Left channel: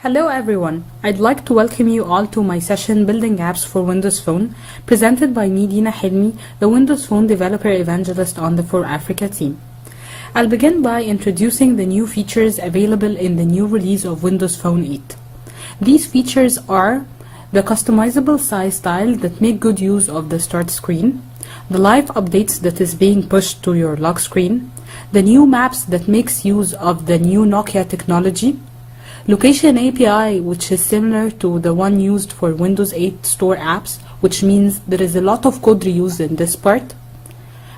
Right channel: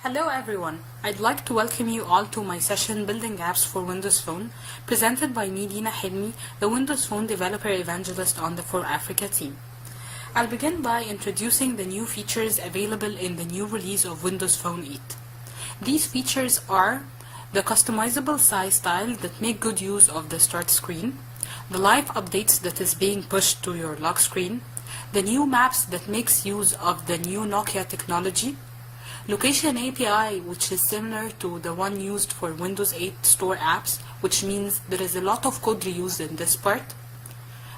Hello everyone, I'd like to welcome you all to my session Building Apps for Windows Phone, presented by me, Dina Hilmi, the Windows Phone Developer Evangelist on the For Africa team. I'll begin by introducing the new features available in the new release of Windows Phone 8. These features are the customizable size style that make good use of the start screen, the live updates that is being pushed to your lock screen, the new maps that makes use of the new Nokia technology, Location API, which is similar to the one used for Windows 8 Store apps, which means there is a lot of code reused in this part.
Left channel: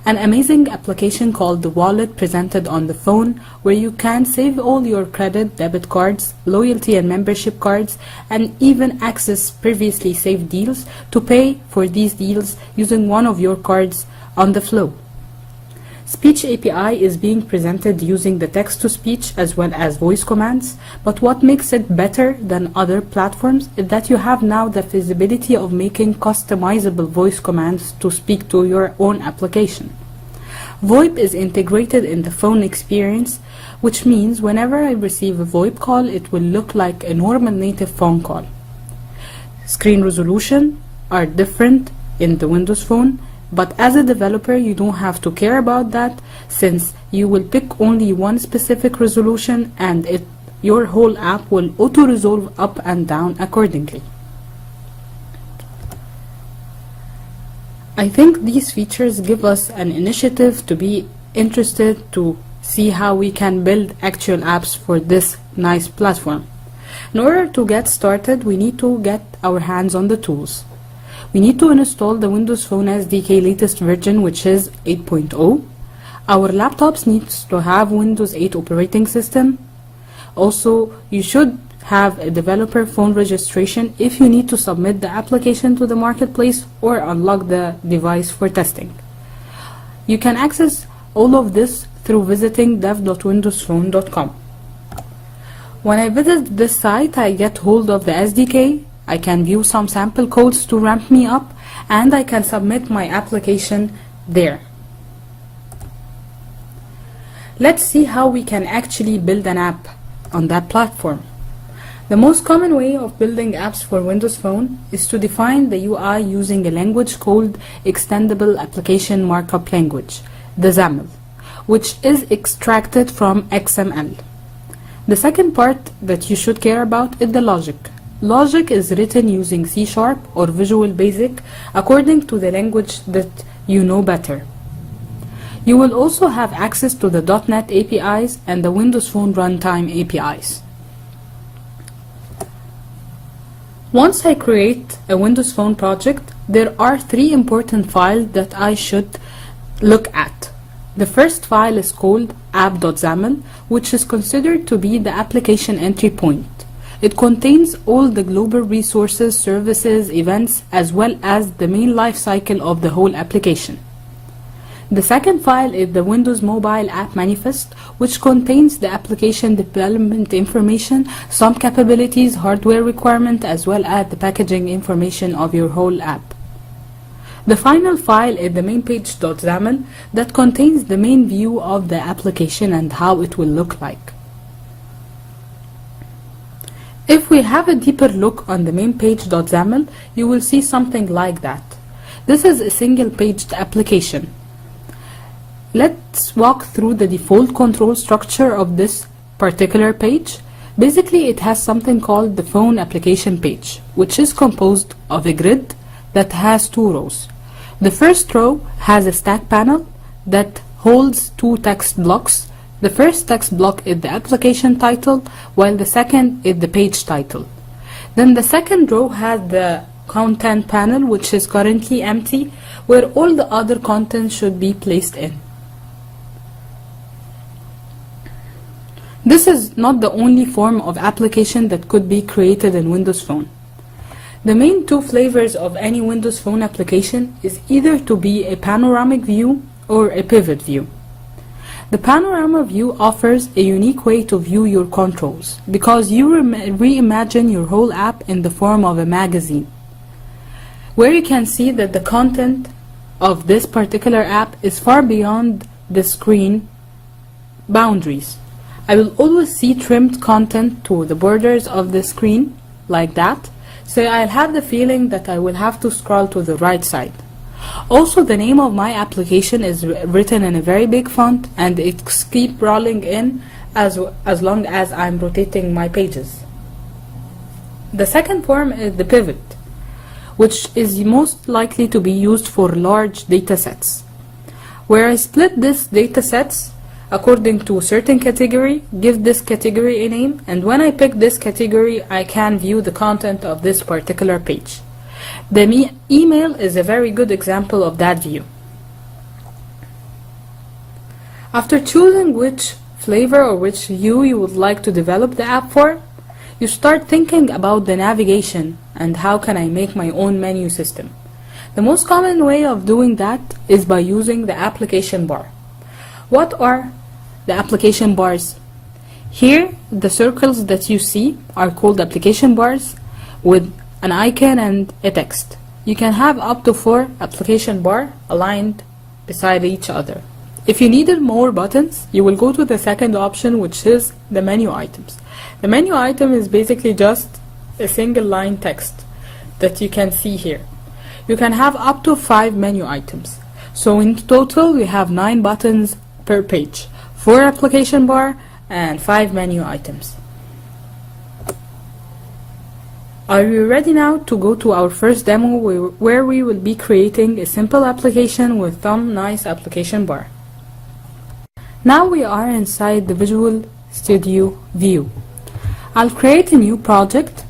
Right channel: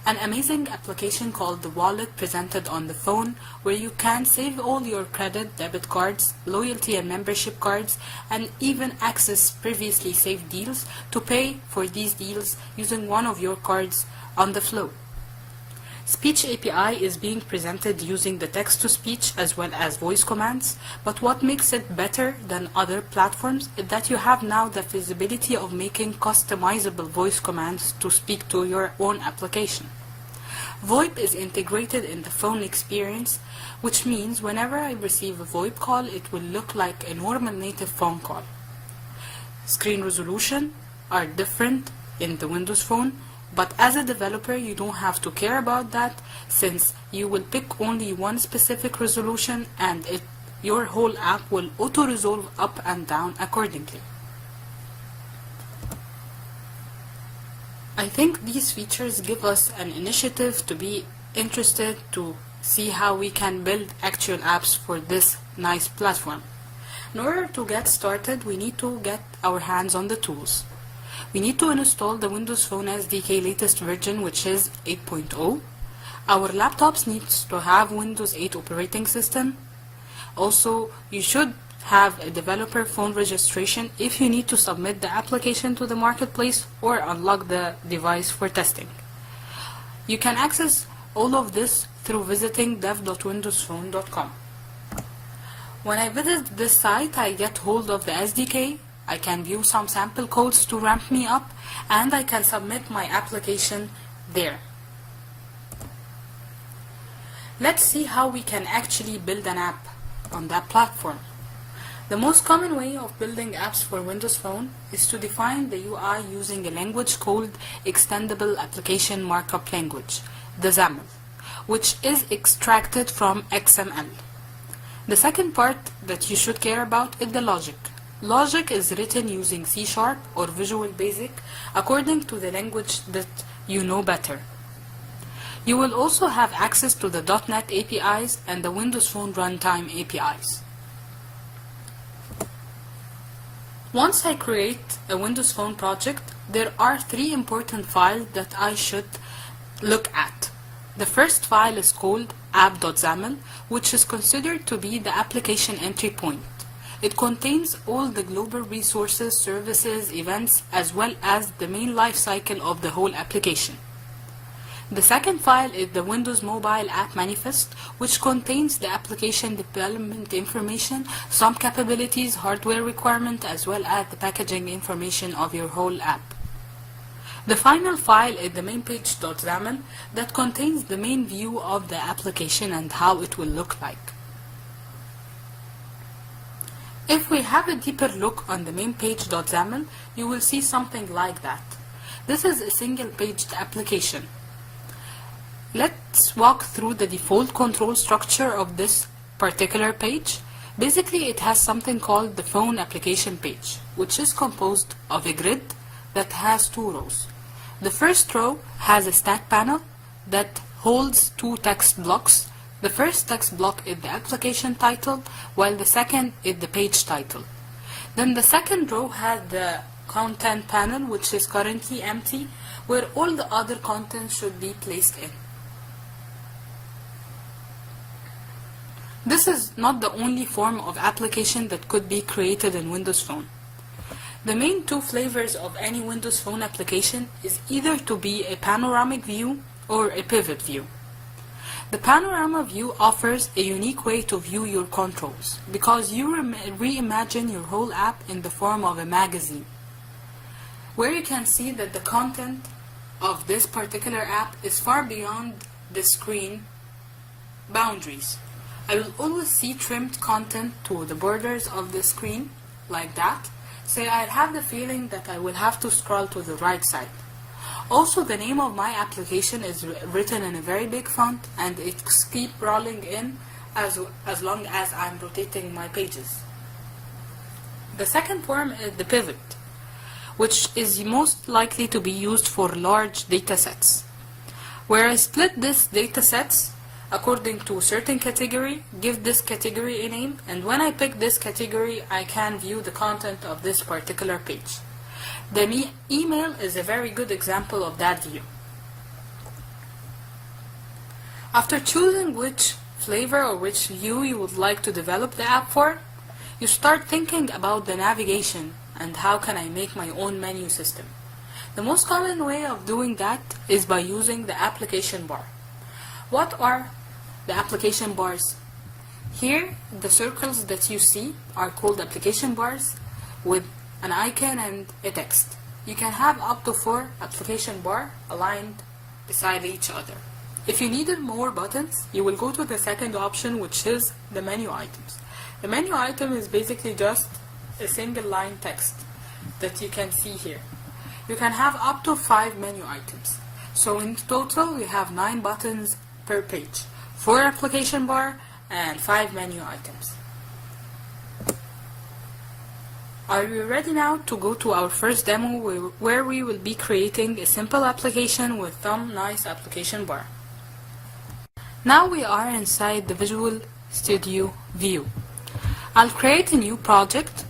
An amazing application called the Wallet presented on the phone, where you can save all your credit, debit cards, loyalty and membership cards, and even access previously saved deals to pay for these deals using one of your cards on the flow. Speech API is being presented using the text-to-speech as well as voice commands, but what makes it better than other platforms is that you have now the feasibility of making customizable voice commands to speak to your own application. VoIP is integrated in the phone experience, which means whenever I receive a VoIP call, it will look like a normal native phone call. Screen resolution are different in the Windows Phone, but as a developer, you don't have to care about that, since you will pick only one specific resolution and your whole app will auto-resolve up and down accordingly. I think these features give us an initiative to be interested to see how we can build actual apps for this nice platform. In order to get started, we need to get our hands on the tools. We need to install the Windows Phone SDK latest version, which is 8.0. Our laptops needs to have Windows 8 operating system. Also, you should have a developer phone registration if you need to submit the application to the marketplace or unlock the device for testing. You can access all of this through visiting dev.windowsphone.com. When I visit this site, I get hold of the SDK. I can view some sample codes to ramp me up, and I can submit my application there. Let's see how we can actually build an app on that platform. The most common way of building apps for Windows Phone is to define the UI using a language called Extendable Application Markup Language, the XAML, which is extracted from XML. The second part that you should care about is the logic. Logic is written using C# or Visual Basic according to the language that you know better. You will also have access to the .NET APIs and the Windows Phone Runtime APIs. Once I create a Windows Phone project, there are three important files that I should look at. The first file is called app.xaml, which is considered to be the application entry point. It contains all the global resources, services, events, as well as the main life cycle of the whole application. The second file is the Windows Mobile App Manifest, which contains the application development information, some capabilities, hardware requirement, as well as the packaging information of your whole app. The final file is the mainpage.xaml that contains the main view of the application and how it will look like. If we have a deeper look on the main page.xaml, you will see something like that. This is a single-paged application. Let's walk through the default control structure of this particular page. Basically, it has something called the phone application page, which is composed of a grid that has two rows. The first row has a stack panel that holds two text blocks. The first text block is the application title, while the second is the page title. Then the second row has the content panel, which is currently empty, where all the other content should be placed in. This is not the only form of application that could be created in Windows Phone. The main two flavors of any Windows Phone application is either to be a panoramic view or a pivot view. The panorama view offers a unique way to view your controls because you reimagine your whole app in the form of a magazine, where you can see that the content of this particular app is far beyond the screen boundaries. I will always see trimmed content to the borders of the screen, like that, so I'll have the feeling that I will have to scroll to the right side. Also, the name of my application is written in a very big font, and it keeps rolling in as long as I'm rotating my pages. The second form is the pivot, which is most likely to be used for large data sets, where I split these data sets according to a certain category, give this category a name, and when I pick this category, I can view the content of this particular page. The email is a very good example of that view. After choosing which flavor or which view you would like to develop the app for, you start thinking about the navigation and how can I make my own menu system. The most common way of doing that is by using the application bar. What are the application bars? Here, the circles that you see are called application bars with an icon and a text. You can have up to 4 application bar aligned beside each other. If you needed more buttons, you will go to the second option, which is the menu items. The menu item is basically just a single line text that you can see here. You can have up to 5 menu items. So in total, we have 9 buttons per page, 4 application bar and 5 menu items. Are you ready now to go to our first demo where we will be creating a simple application with some nice application bar? Now we are inside the Visual Studio view. I'll create a new project,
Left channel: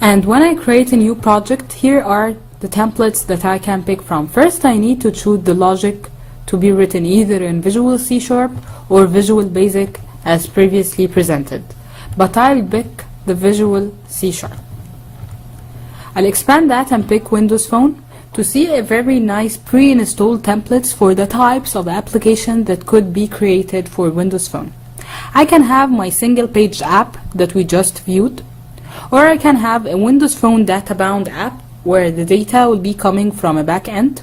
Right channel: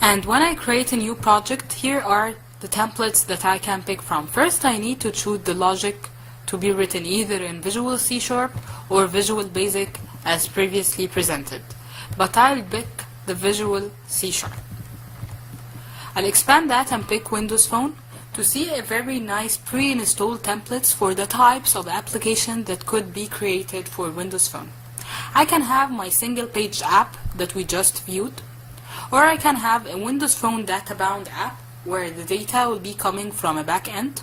and when I create a new project, here are the templates that I can pick from. First, I need to choose the logic to be written either in Visual C# or Visual Basic as previously presented, but I'll pick the Visual C#. I'll expand that and pick Windows Phone to see a very nice pre-installed templates for the types of application that could be created for Windows Phone. I can have my single page app that we just viewed, or I can have a Windows Phone data-bound app where the data will be coming from a back end,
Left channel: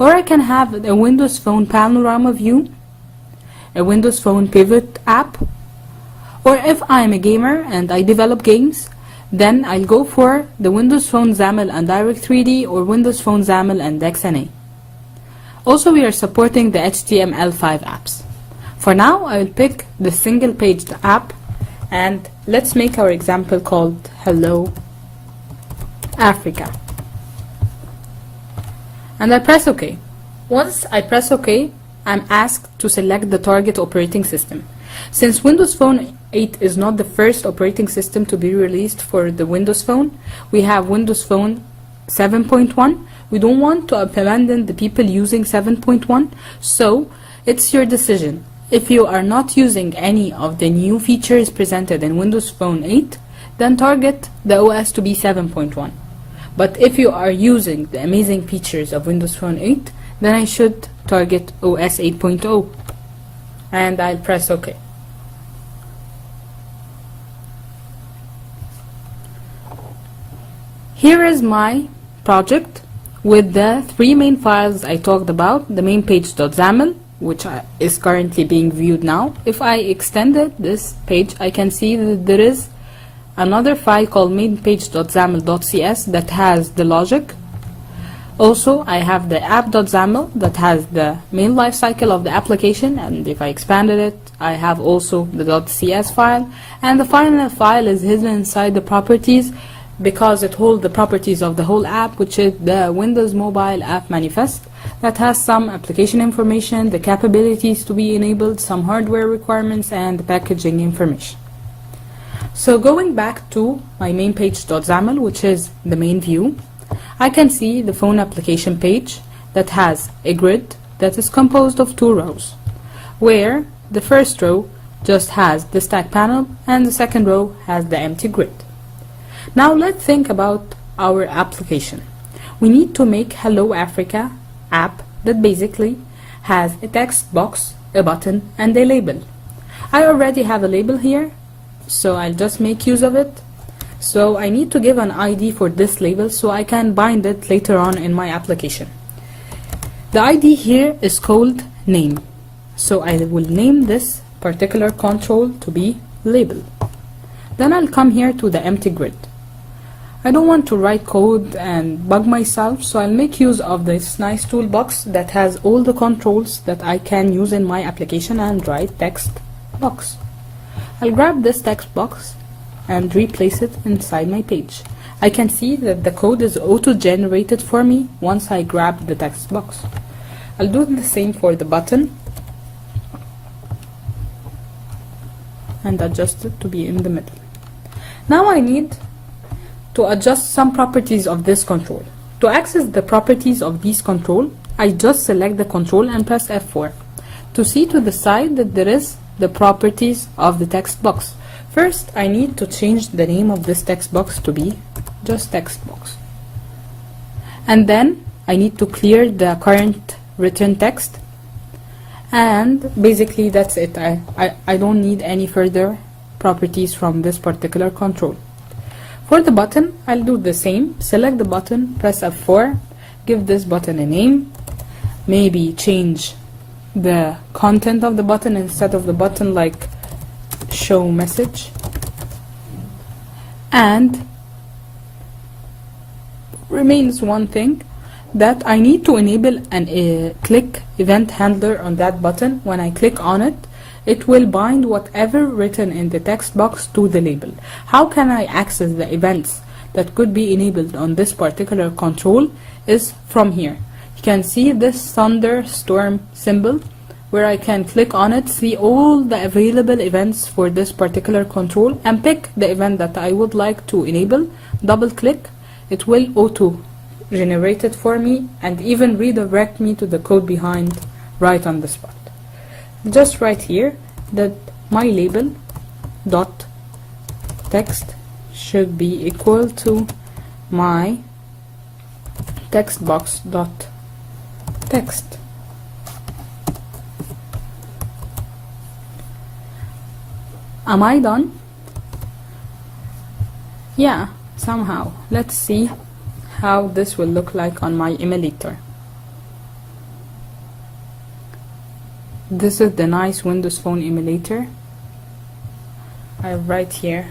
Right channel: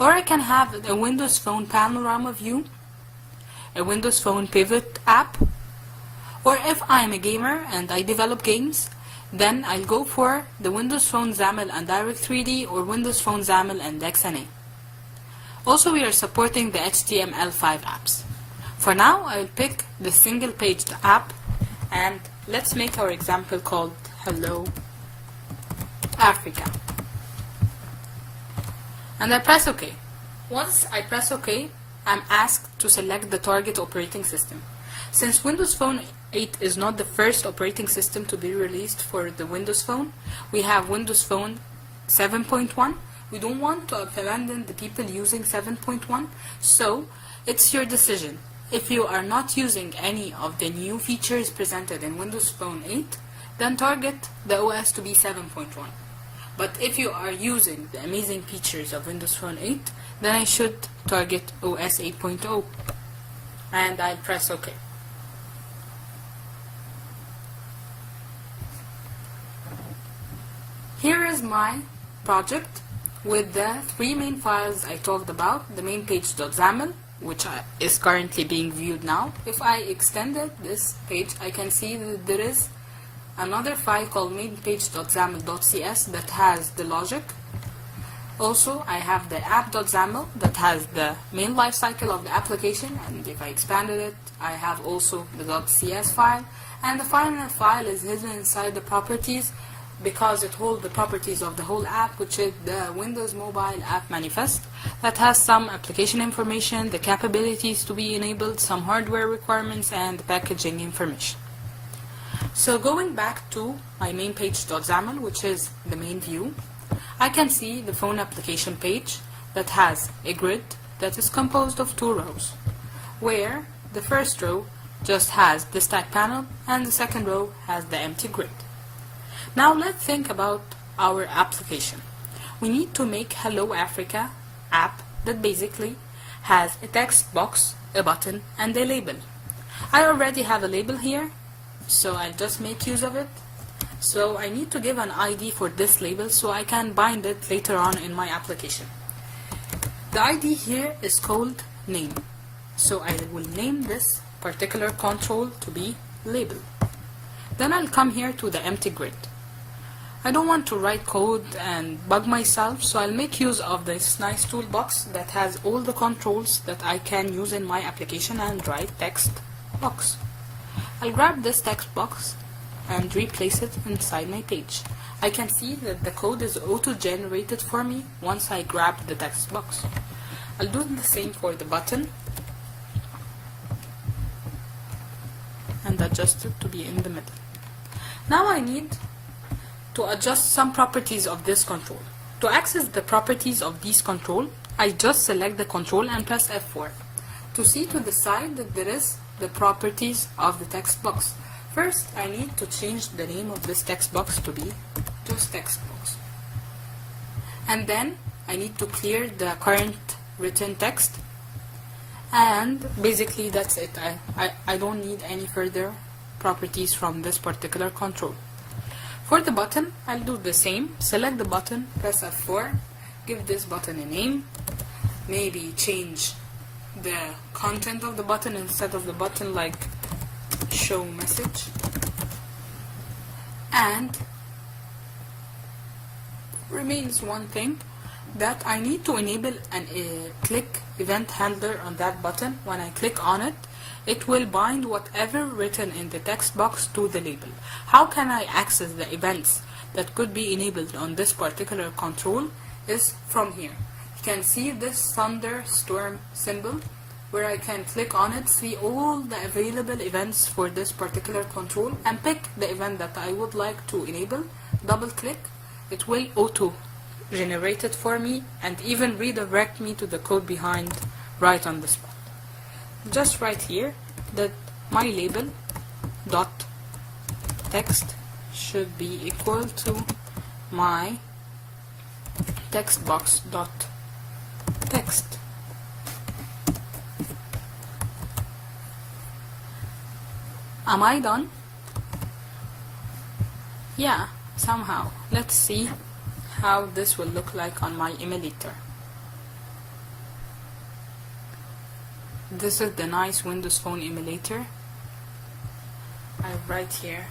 or I can have a Windows Phone panorama view, a Windows Phone pivot app, or if I'm a gamer and I develop games, then I'll go for the Windows Phone XAML and Direct3D or Windows Phone XAML and XNA. Also, we are supporting the HTML5 apps. For now, I will pick the single page app, and let's make our example called Hello Africa. And I press OK. Once I press OK, I'm asked to select the target operating system. Since Windows Phone 8 is not the first operating system to be released for the Windows Phone, we have Windows Phone 7.1. We don't want to abandon the people using 7.1, so it's your decision. If you are not using any of the new features presented in Windows Phone 8, then target the OS to be 7.1. But if you are using the amazing features of Windows Phone 8, then I should target OS 8.0. And I'll press OK. Here is my project with the 3 main files I talked about, the main page.xaml, which is currently being viewed now. If I extended this page, I can see that there is another file called mainpage.xaml.cs that has the logic. Also, I have the app.xaml that has the main lifecycle of the application, and if I expanded it, I have also the .cs file, and the final file is hidden inside the properties because it holds the properties of the whole app, which is the Windows Mobile App Manifest that has some application information, the capabilities to be enabled, some hardware requirements, and the packaging information. So going back to my main page.xaml, which is the main view, I can see the phone application page that has a grid that is composed of 2 rows, where the first row just has the stack panel and the second row has the empty grid. Now let's think about our application. We need to make Hello Africa app that basically has a text box, a button, and a label. I already have a label here, so I'll just make use of it. So I need to give an ID for this label so I can bind it later on in my application. The ID here is called name. So I will name this particular control to be label. Then I'll come here to the empty grid. I don't want to write code and bug myself, so I'll make use of this nice toolbox that has all the controls that I can use in my application and write text box. I'll grab this text box and replace it inside my page. I can see that the code is auto-generated for me once I grab the text box. I'll do the same for the button and adjust it to be in the middle. Now I need to adjust some properties of this control. To access the properties of this control, I just select the control and press F4. To see to the side that there is the properties of the text box. First, I need to change the name of this text box to be just text box. And then I need to clear the current written text. And basically that's it. I don't need any further properties from this particular control. For the button, I'll do the same. Select the button, press F4, give this button a name, maybe change the content of the button instead of the button like show message, and remains one thing, that I need to enable an click event handler on that button. When I click on it, it will bind whatever written in the text box to the label. How can I access the events that could be enabled on this particular control is from here. You can see this thunderstorm symbol where I can click on it, see all the available events for this particular control, and pick the event that I would like to enable, double click, it will auto generate it for me and even redirect me to the code behind right on the spot. Just write here that my label dot text should be equal to my text box dot text. Am I done? Yeah, somehow. Let's see how this will look like on my emulator. This is the nice Windows Phone emulator. I write here.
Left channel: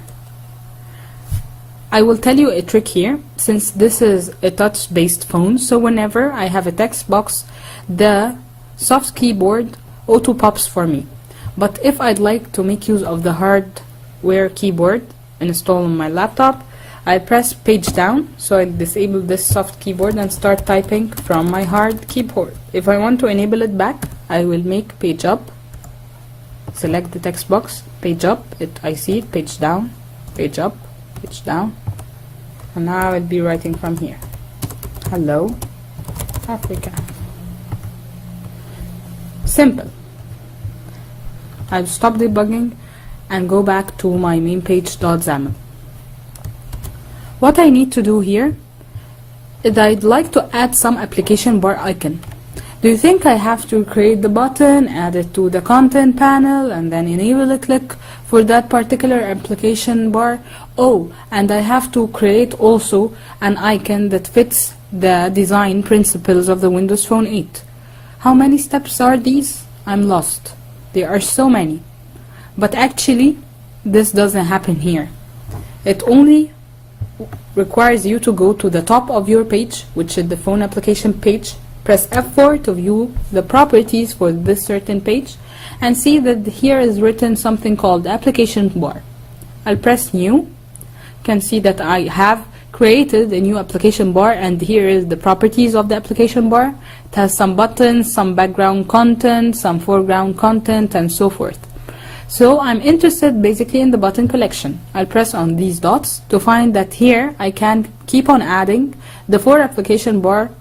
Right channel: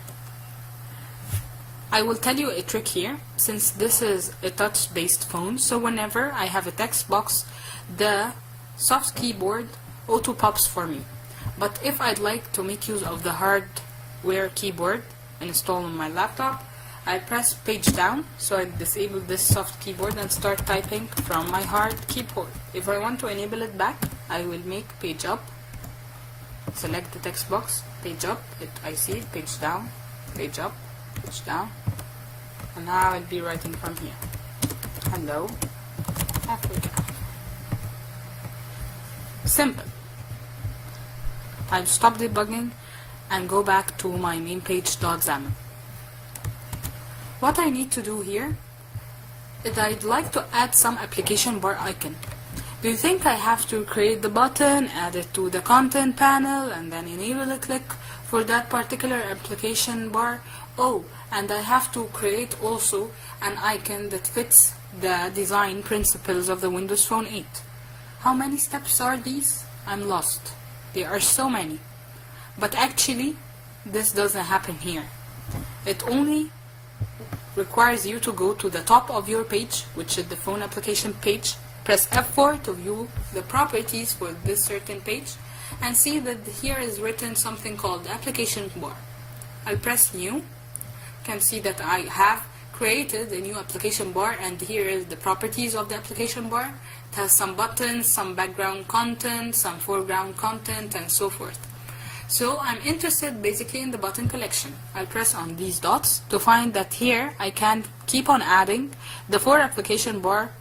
I will tell you a trick here, since this is a touch-based phone, so whenever I have a text box, the soft keyboard auto-pops for me. But if I'd like to make use of the hardware keyboard installed on my laptop, I press page down, so I disable this soft keyboard and start typing from my hard keyboard. If I want to enable it back, I will make page up, select the text box, page up, I see it, page down, page up, page down, and now I'll be writing from here. Hello, Africa. Simple. I'll stop debugging and go back to my main page.xaml. What I need to do here is I'd like to add some application bar icon. Do you think I have to create the button, add it to the content panel, and then enable a click for that particular application bar? Oh, and I have to create also an icon that fits the design principles of the Windows Phone 8. How many steps are these? I'm lost. There are so many. But actually, this doesn't happen here. It only requires you to go to the top of your page, which is the phone application page, press F4 to view the properties for this certain page, and see that here is written something called application bar. I'll press new. You can see that I have created a new application bar, and here is the properties of the application bar. It has some buttons, some background content, some foreground content, and so forth. So I'm interested basically in the button collection. I'll press on these dots to find that here I can keep on adding the 4 application bar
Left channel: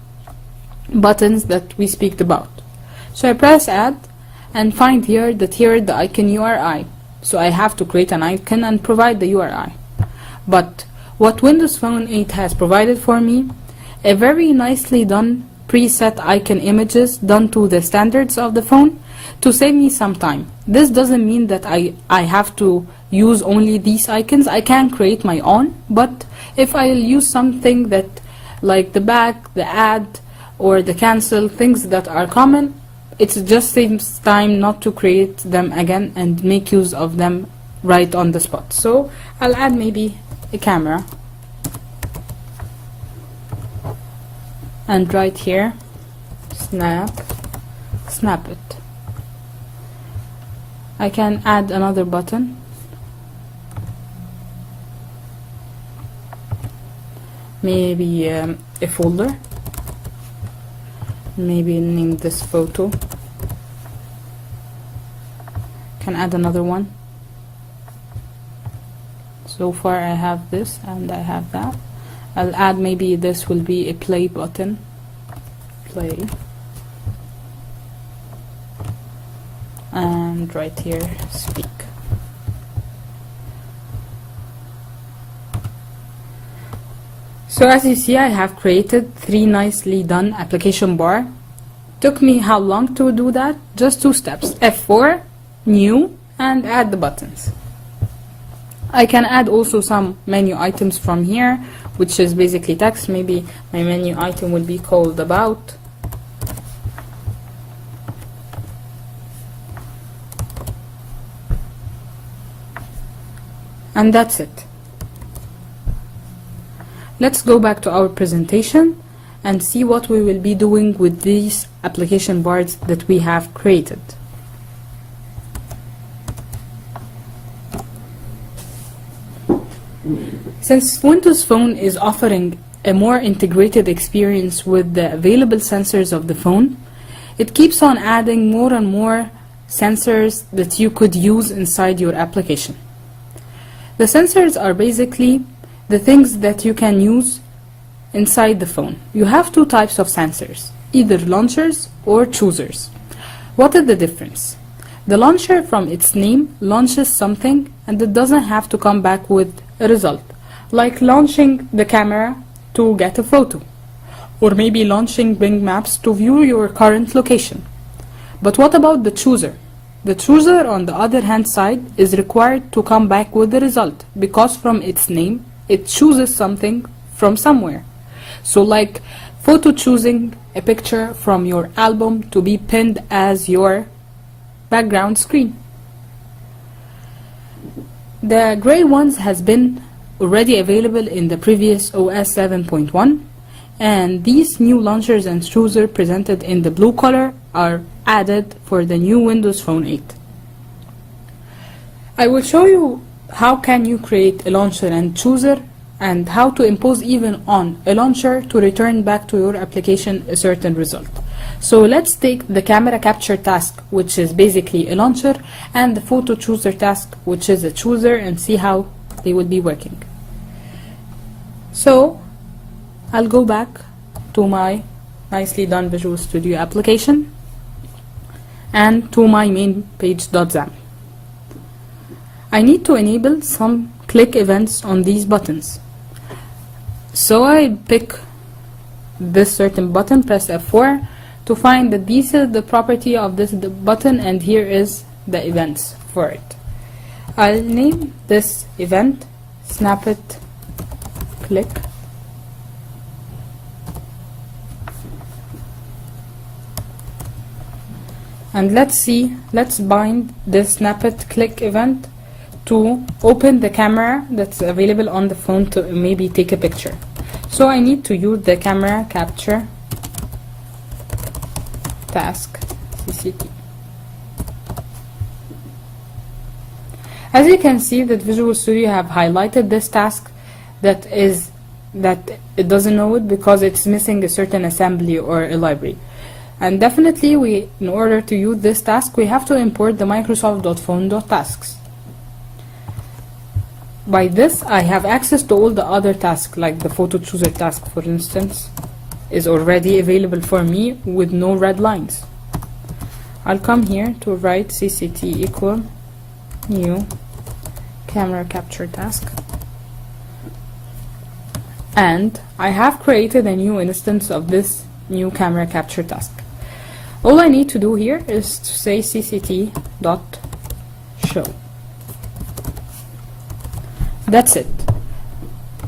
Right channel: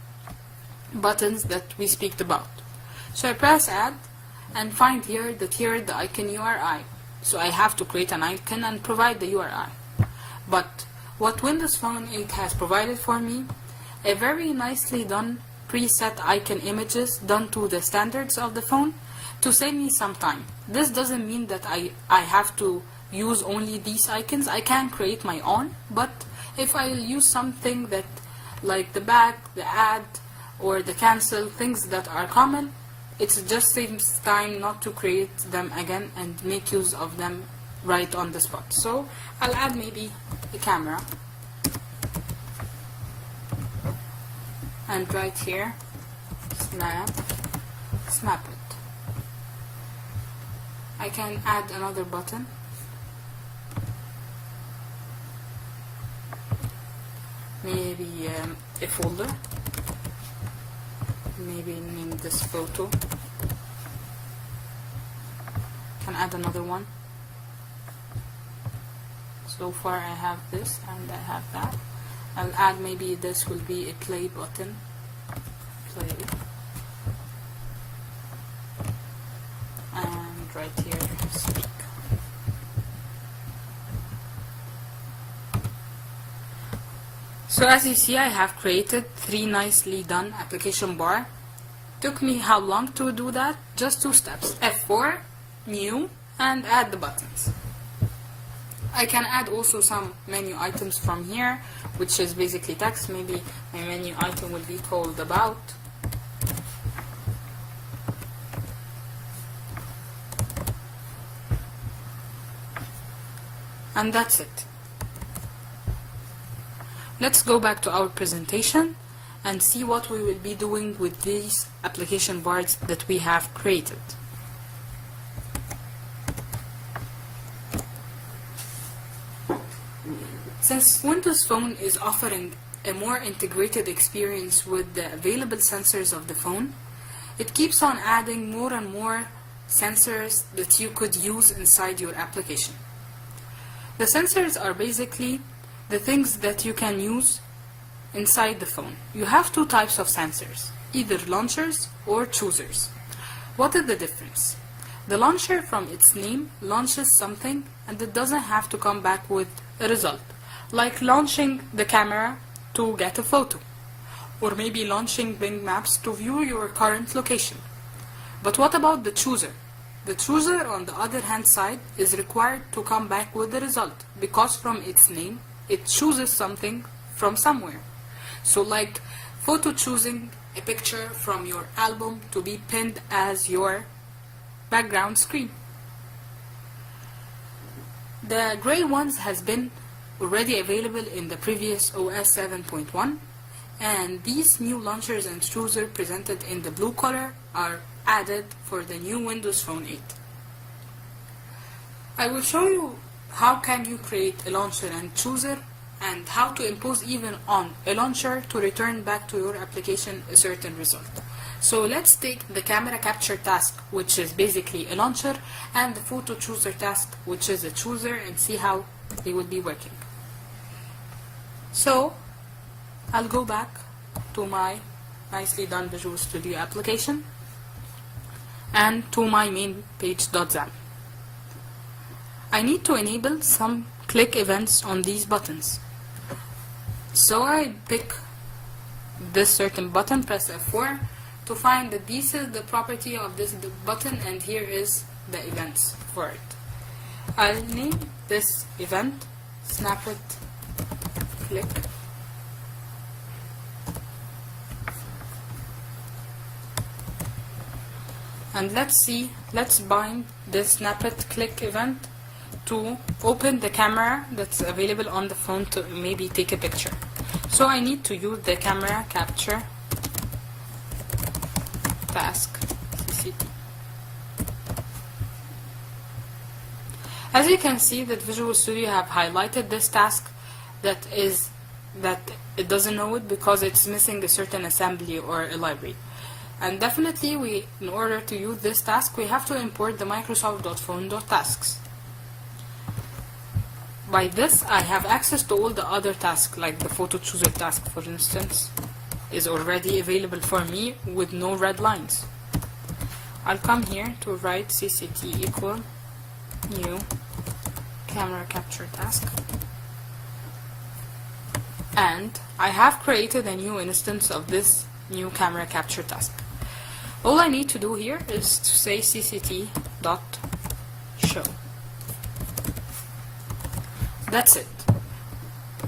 buttons that we speak about. So I press add and find here that here is the icon URI. So I have to create an icon and provide the URI. But what Windows Phone 8 has provided for me, a very nicely done preset icon images done to the standards of the phone to save me some time. This doesn't mean that I have to use only these icons. I can create my own, but if I'll use something that like the back, the add, or the cancel, things that are common, it just saves time not to create them again and make use of them right on the spot. So I'll add maybe a camera, and right here, snap it. I can add another button, maybe a folder, maybe name this photo. Can add another one. So far I have this and I have that. I'll add, maybe this will be a play button, play, and right here, speak. So as you see, I have created 3 nicely done application bar. Took me how long to do that? Just 2 steps. F4, new, and add the buttons. I can add also some menu items from here, which is basically text. Maybe my menu item will be called about. And that's it. Let's go back to our presentation and see what we will be doing with these application bars that we have created. Since Windows Phone is offering a more integrated experience with the available sensors of the phone, it keeps on adding more and more sensors that you could use inside your application. The sensors are basically the things that you can use inside the phone. You have 2 types of sensors, either launchers or choosers. What is the difference? The launcher, from its name, launches something and it doesn't have to come back with a result, like launching the camera to get a photo, or maybe launching Bing Maps to view your current location. But what about the chooser? The chooser, on the other hand side, is required to come back with the result, because from its name, it chooses something from somewhere. So like photo choosing a picture from your album to be pinned as your background screen. The gray ones has been already available in the previous OS 7.1, and these new launchers and chooser presented in the blue color are added for the new Windows Phone 8. I will show you how can you create a launcher and chooser, and how to impose even on a launcher to return back to your application a certain result. So let's take the camera capture task, which is basically a launcher, and the photo chooser task, which is a chooser, and see how they will be working. So I'll go back to my nicely done Visual Studio application and to my main page.zam. I need to enable some click events on these buttons. So I pick this certain button, press F4 to find that this is the property of this button, and here is the events for it. I'll name this event snap it click. And let's bind this snap it click event to open the camera that's available on the phone to maybe take a picture. So I need to use the camera capture task CCT. As you can see that Visual Studio have highlighted this task that it doesn't know it because it's missing a certain assembly or a library. And definitely in order to use this task, we have to import the Microsoft.phone.tasks. By this, I have access to all the other tasks, like the photo chooser task, for instance, is already available for me with no red lines. I'll come here to write CCT equal new camera capture task. And I have created a new instance of this new camera capture task. All I need to do here is to say cct.show. That's it.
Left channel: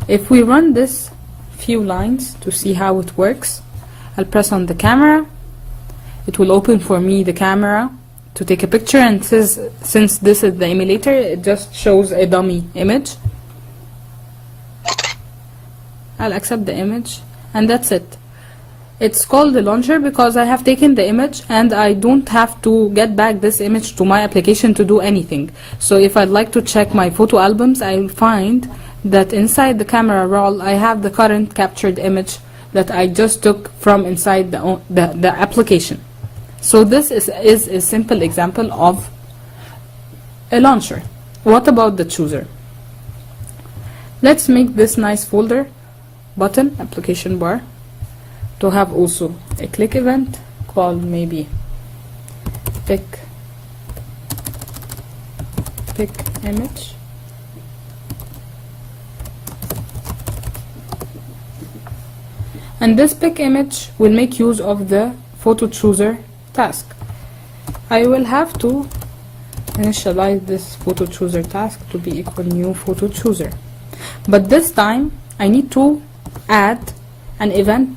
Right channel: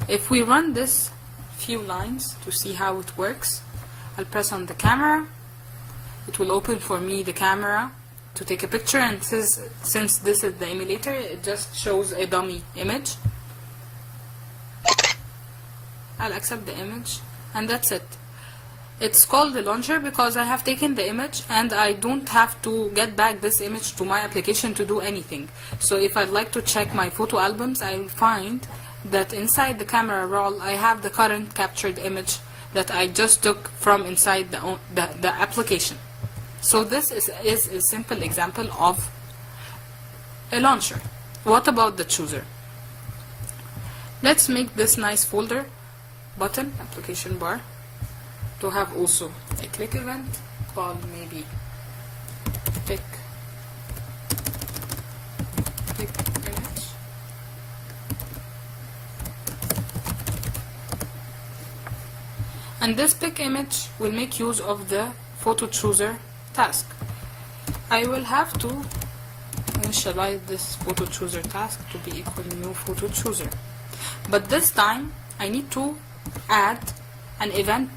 If we run this few lines to see how it works, I'll press on the camera. it will open for me the camera to take a picture, and since this is the emulator, it just shows a dummy image. I'll accept the image, and that's it. It's called the launcher because I have taken the image and I don't have to get back this image to my application to do anything. So if I'd like to check my photo albums, I'll find that inside the camera roll I have the current captured image that I just took from inside the application. So this is a simple example of a launcher. What about the chooser? Let's make this nice folder button, application bar, to have also a click event called maybe pick image. And this pick image will make use of the photo chooser task. I will have to initialize this photo chooser task to be equal new photo chooser. But this time I need to add an event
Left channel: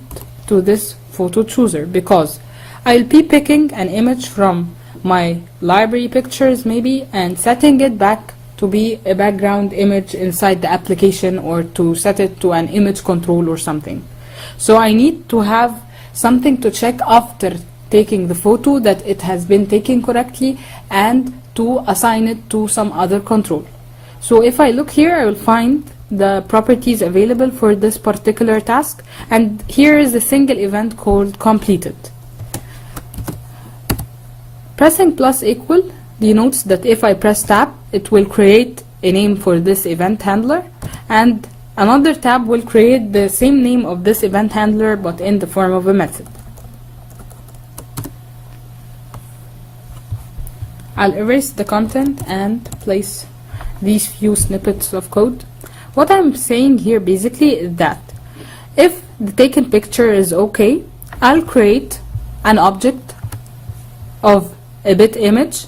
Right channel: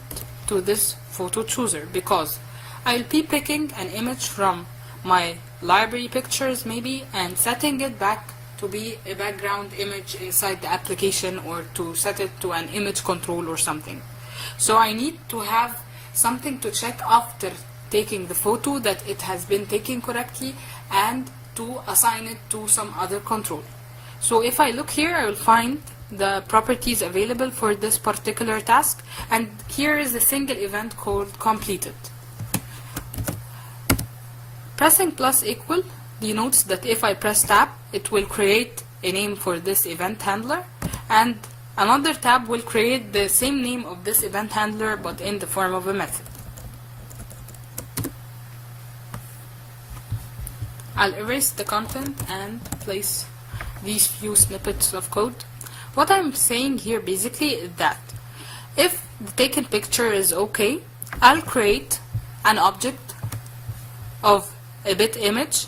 to this photo chooser because I'll be picking an image from my library pictures maybe and setting it back to be a background image inside the application, or to set it to an image control or something. So I need to have something to check after taking the photo that it has been taken correctly and to assign it to some other control. So if I look here, I will find the properties available for this particular task, and here is a single event called completed. Pressing plus equal denotes that if I press tab, it will create a name for this event handler, and another tab will create the same name of this event handler but in the form of a method. I'll erase the content and place these few snippets of code. What I'm saying here basically is that if the taken picture is okay, I'll create an object of a bit image,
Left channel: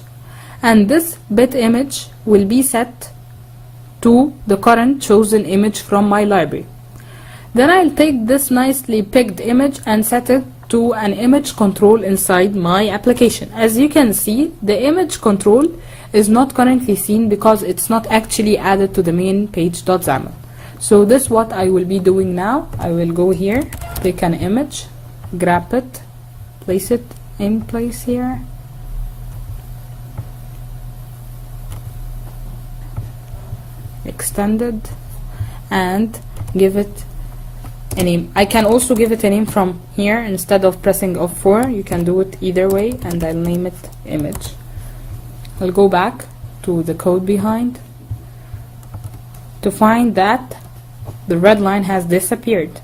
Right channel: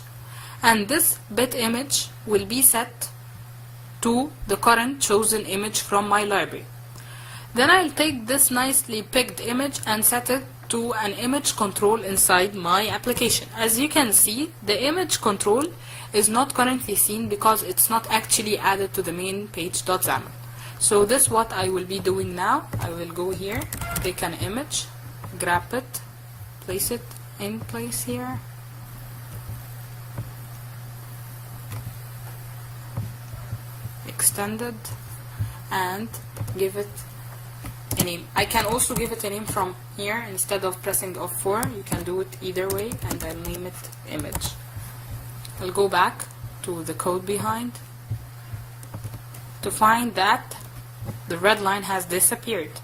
and this bit image will be set to the current chosen image from my library. Then I'll take this nicely picked image and set it to an image control inside my application. As you can see, the image control is not currently seen because it's not actually added to the main page.xaml. So this is what I will be doing now. I will go here, take an image, grab it, place it in place here, extended, and give it a name. I can also give it a name from here. Instead of pressing F4, you can do it either way, and I'll name it image. I'll go back to the code behind to find that the red line has disappeared.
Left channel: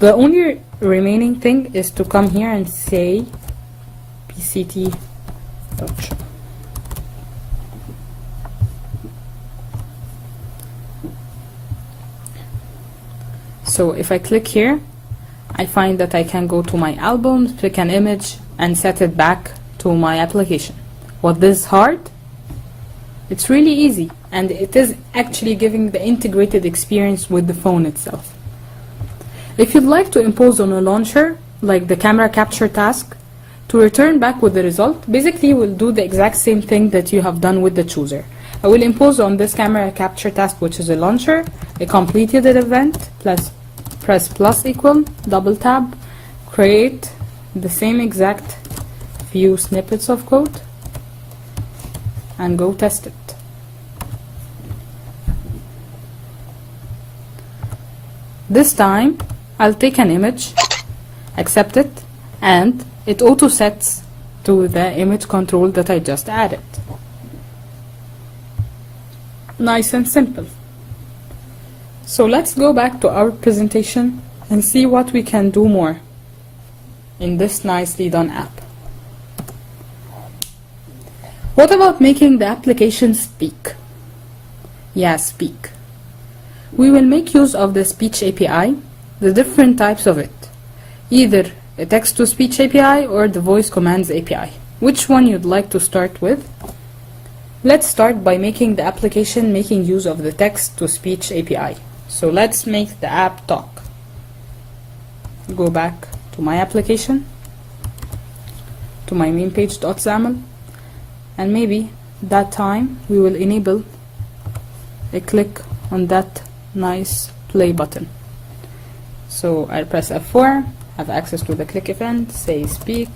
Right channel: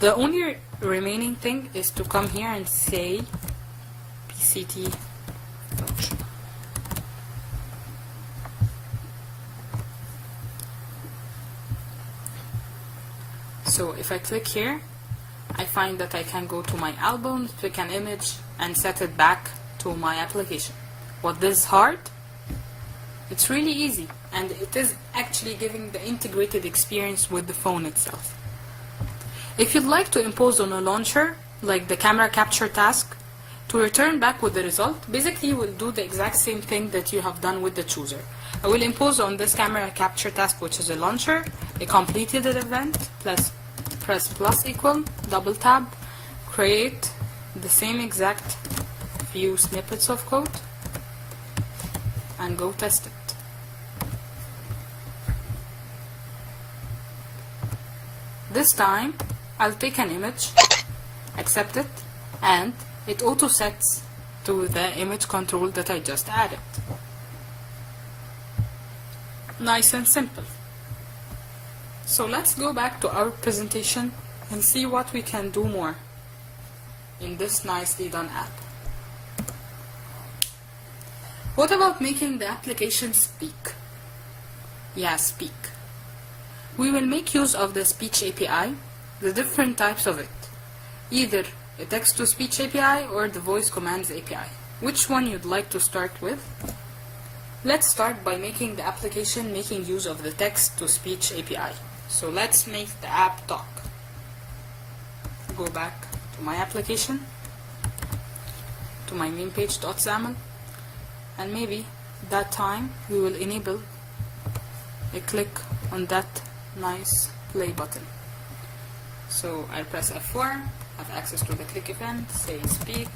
The only remaining thing is to come here and say pct launcher. So if I click here, I find that I can go to my albums, pick an image, and set it back to my application. Was this hard? It's really easy, and it is actually giving the integrated experience with the phone itself. If you'd like to impose on a launcher, like the camera capture task, to return back with the result, basically we'll do the exact same thing that you have done with the chooser. I will impose on this camera capture task, which is a launcher, a completed event, plus press plus equal, double tab, create the same exact few snippets of code, and go test it. This time I'll take an image, accept it, and it auto sets to the image control that I just added. Nice and simple. So let's go back to our presentation and see what we can do more in this nicely done app. What about making the application speak? Yeah, speak. We will make use of the speech API, the different types of it, either a text-to-speech API or the voice commands API. Which one you'd like to start with? Let's start by making the application making use of the text-to-speech API. So let's make the app talk. Go back to my application. to my main page.xaml, and maybe that time we will enable a click on that nice play button. So I'll press F4, have access to the click event, say speak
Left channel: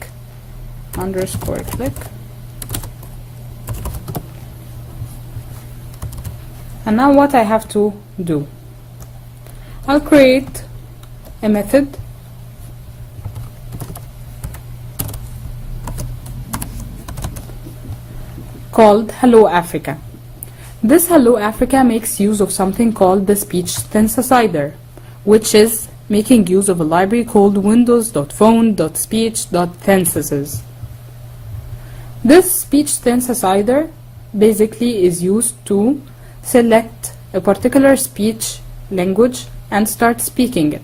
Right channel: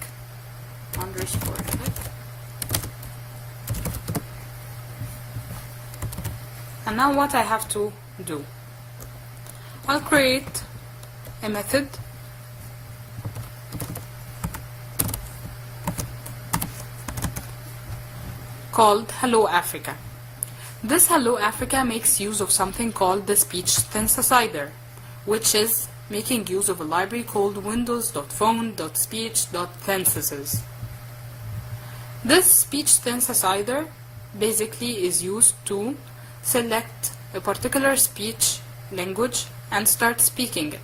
underscore click, and now what I have to do, I'll create a method called Hello Africa. This Hello Africa makes use of something called the speech synthesizer, which is making use of a library called windows.phone.speech.synthesis. This speech synthesizer basically is used to select a particular speech language and start speaking it.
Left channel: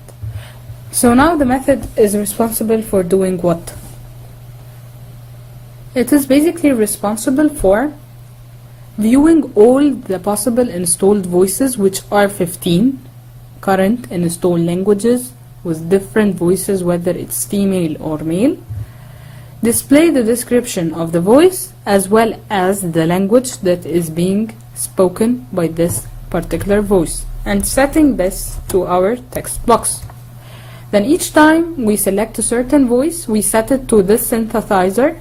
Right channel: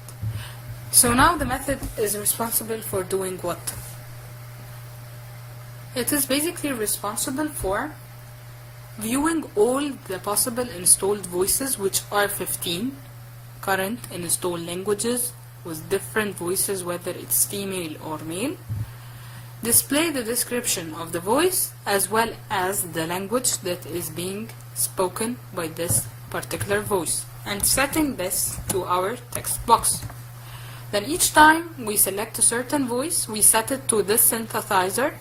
So now the method is responsible for doing what? It is basically responsible for viewing all the possible installed voices, which are 15 current installed languages with different voices, whether it's female or male, display the description of the voice as well as the language that is being spoken by this particular voice, and setting this to our text box. Then each time we select a certain voice, we set it to this synthesizer,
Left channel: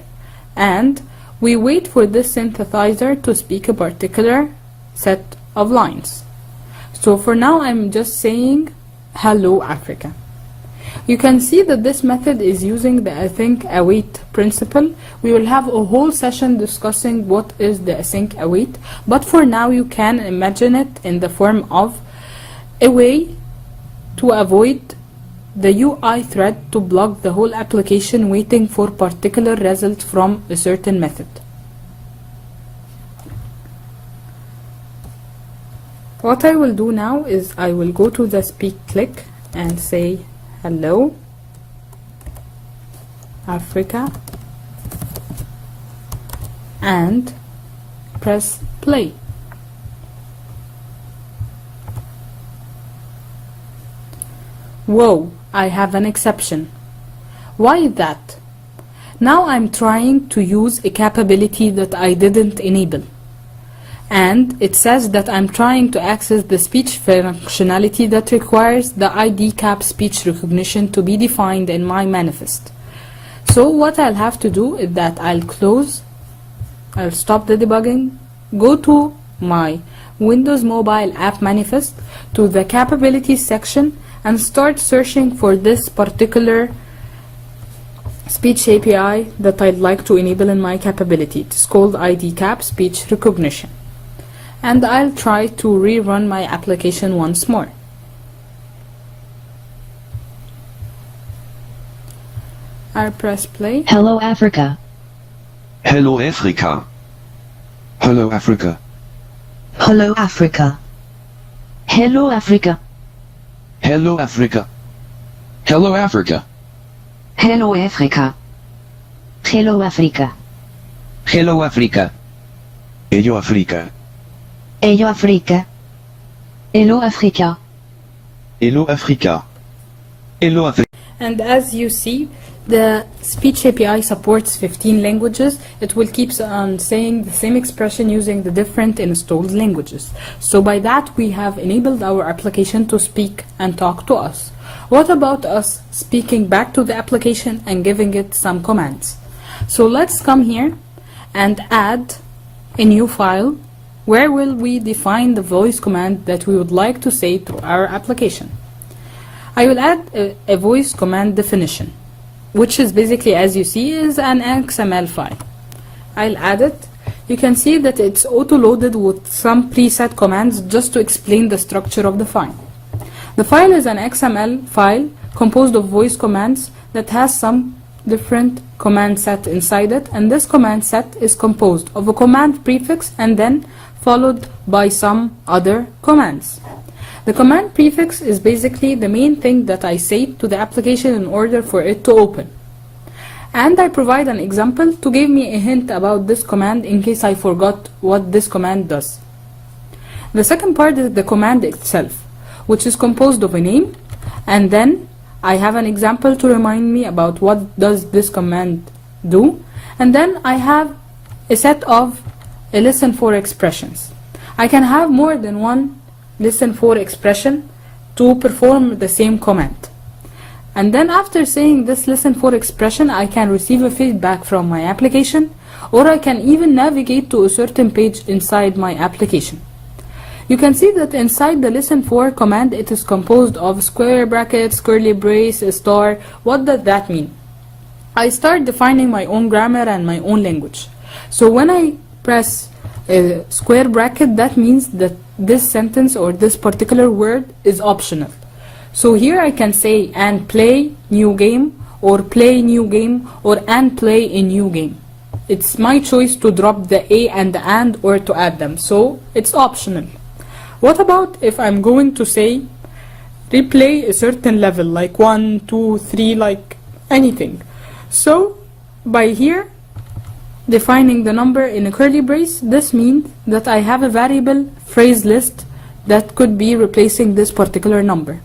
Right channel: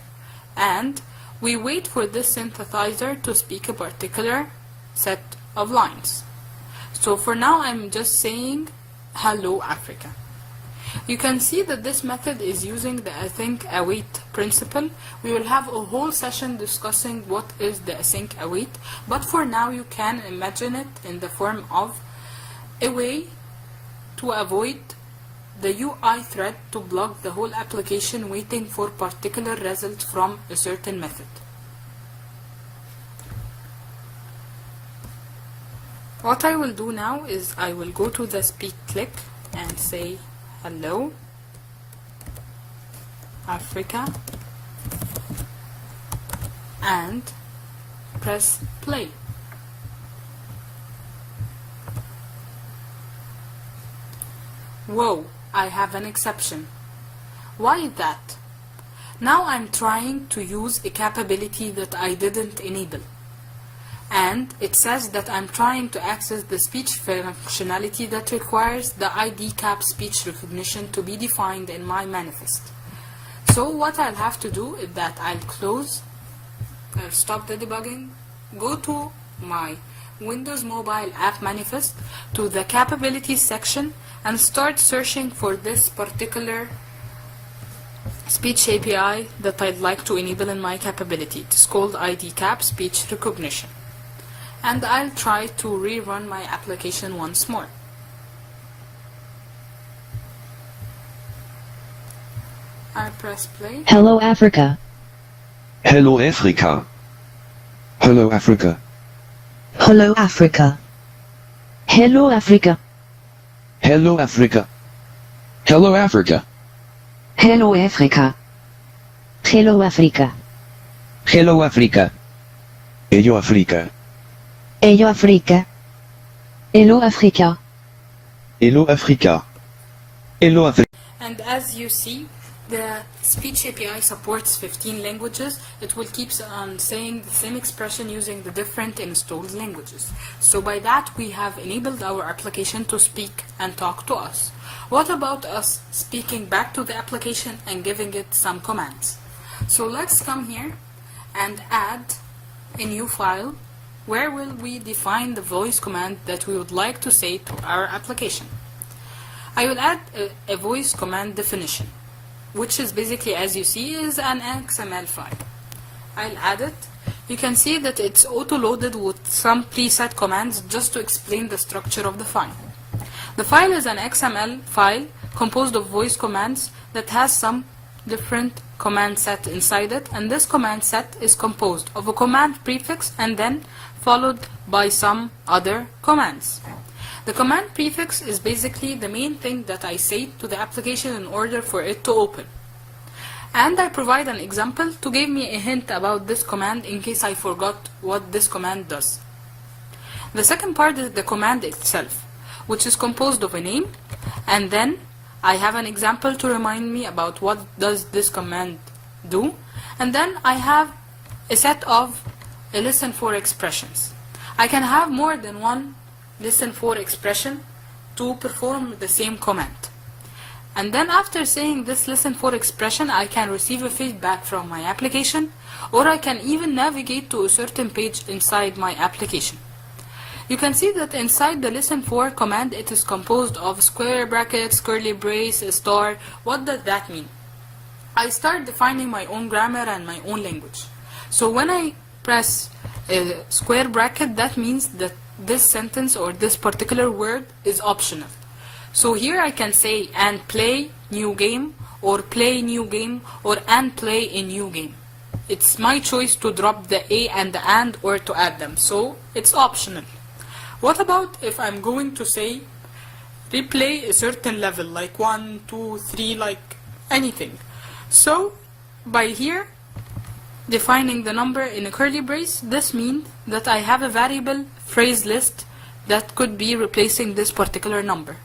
and we wait for this synthesizer to speak a particular set of lines. So for now I'm just saying Hello Africa. You can see that this method is using the async await principle. We will have a whole session discussing what is the async await, but for now you can imagine it in the form of a way to avoid the UI thread to block the whole application waiting for particular result from a certain method. What I will do now is I will go to the speak click and say Hello Africa and press play. Whoa, I have an exception. Why is that? Now I'm trying to use a capability that I didn't enable, and it says that I'm trying to access the speech functionality that requires the ID cap speech recognition to be defined in my manifest. So what I'll have to do is that I'll stop the debugging, go to my Windows mobile app manifest, to the capabilities section, and start searching for this particular speech API that I'd like to enable in my capability. It's called ID cap speech recognition. And I'll try to rerun my application once more. I'll press play. Hello Africa. Hello Africa. Hello Africa. Hello Africa. Hello Africa. Hello Africa. Hello Africa. Hello Africa. Hello Africa. Hello Africa. Hello Africa. Hello Africa. Hello Africa. Hello Africa. Hello Africa. And as you see, the speech API supports 15 languages. It will keep on saying the same expression using the different installed languages. So by that we have enabled our application to speak and talk to us. What about us speaking back to the application and giving it some commands? So let's come here and add a new file where will we define the voice command that we would like to say to our application. I will add a voice command definition, which is basically, as you see, is an XML file. I'll add it. You can see that it's auto-loaded with some preset commands just to explain the structure of the file. The file is an XML file composed of voice commands that has some different command set inside it, and this command set is composed of a command prefix and then followed by some other commands. The command prefix is basically the main thing that I say to the application in order for it to open. And I provide an example to give me a hint about this command in case I forgot what this command does. The second part is the command itself, which is composed of a name, and then I have an example to remind me about what does this command do. And then I have a set of listen for expressions. I can have more than one listen for expression to perform the same command. And then after saying this listen for expression, I can receive a feedback from my application, or I can even navigate to a certain page inside my application. You can see that inside the listen for command, it is composed of square brackets, curly brace, a star. What does that mean? I start defining my own grammar and my own language. So when I press a square bracket, that means that this sentence or this particular word is optional. So here I can say and play new game, or play new game, or and play a new game. It's my choice to drop the a and the and, or to add them, so it's optional. What about if I'm going to say replay a certain level, like 1, 2, 3, like anything? So by here defining the number in a curly brace, this means that I have a variable phrase list that could be replacing this particular number.